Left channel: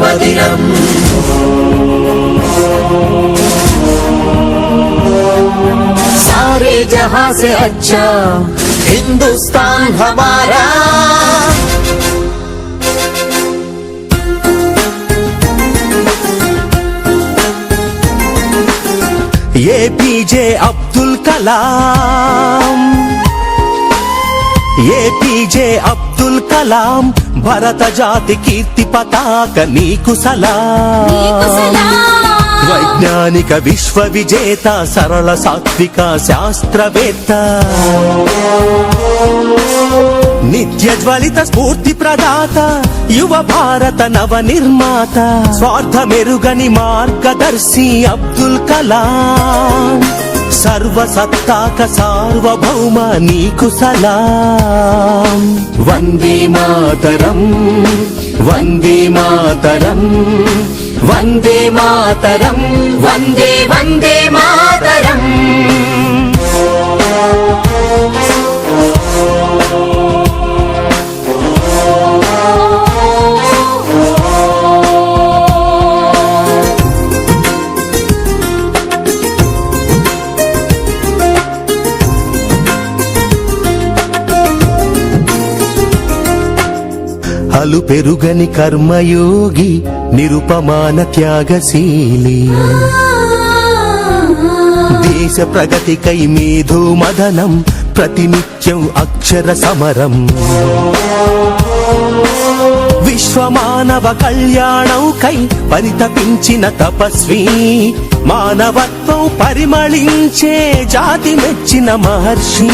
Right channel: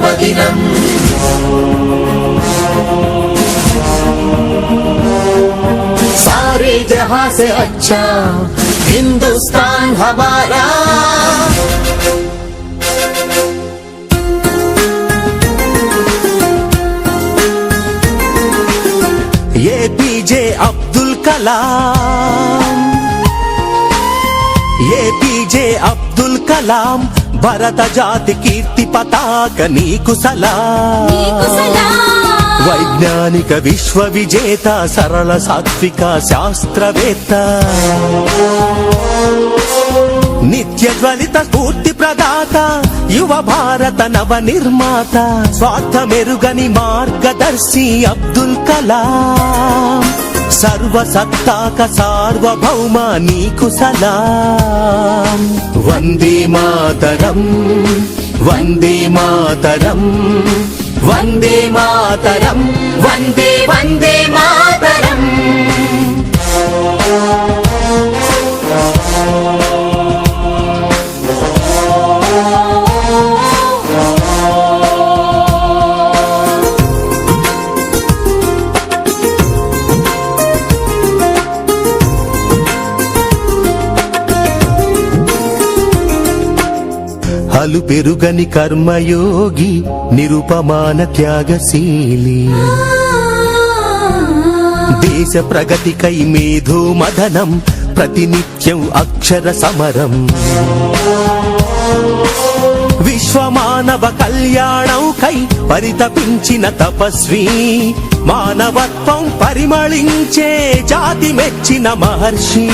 जन्मदिनम् सारे जहां से अच्छा हिंदुस्तान हमारा। APJ अब्दुल कलाम, APJ अब्दुल कलाम, భారత జాతి కీర్తి పతాక నీకు సలాం। వైజ్ఞానిక విశ్వ విజేత, సరళ సాత్విక శాస్త్రవేత్త, నిత్య జ్వలిత స్ఫూర్తి ప్రదాత, యువ భారత నవ నిర్మాత, స్వార్థమెరుగని మార్గదర్శి అబ్దుల్ కలాం। సర్వసత్తాక సార్వభౌమ నీకు సలాం। వందే మాతరం, వందే మాతరం, వందే మాతరం, వందే వందే మాతరం। అలు పెరుగని కర్మయోగి, నిరుపమాన త్యాగశీలి, దేశ ప్రగతికై మేధో మదనం, ప్రతినిత్యం అక్షర సమరం, విశ్వమానవ కళ్యాణంకై పరితపించిన తపస్వి, మానవత్వం పరిమళించే జాతి మెచ్చిన మహర్షి,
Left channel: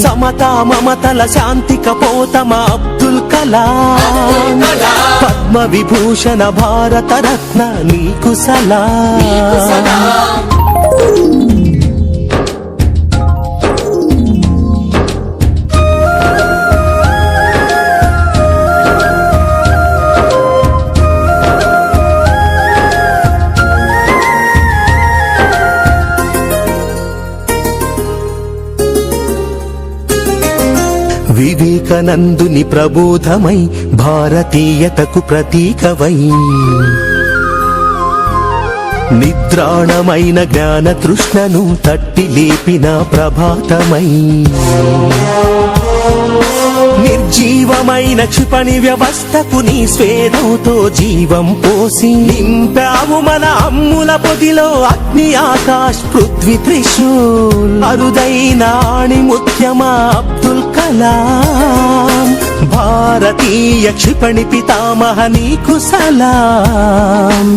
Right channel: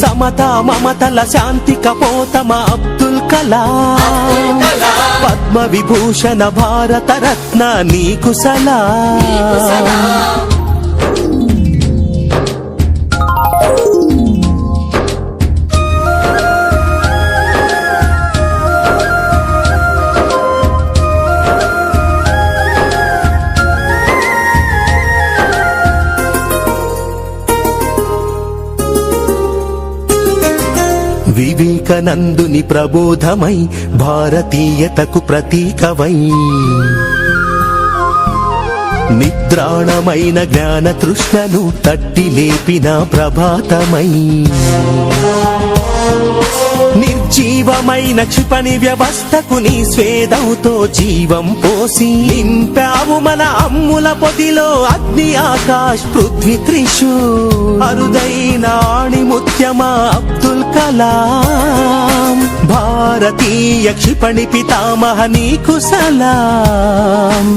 సమతా మమతల శాంతి కపోతమ అబ్దుల్ కలాం। పద్మ విభూషణ భారత రత్న నీకు సలాం। వివేకానందుని ప్రబోధమై, భారతీయతకు ప్రతీకవై, నిద్రాణమైన జ్ఞాన తృష్ణను తట్టి లేపిన ప్రభాతమై, నిర్జీవమైన క్షిపణి వ్యవస్థకు నీ స్వేదంతో జీవం పోసి, నింపావు మన అమ్ముల పొదిలో అగ్ని ఆకాశ్ పృథ్వీ త్రిశూల్, అరుదైన ఆణిముత్యమా అబ్దుల్ కలాం। భారతీయ క్షిపణి పితామహ నీకు సలాం।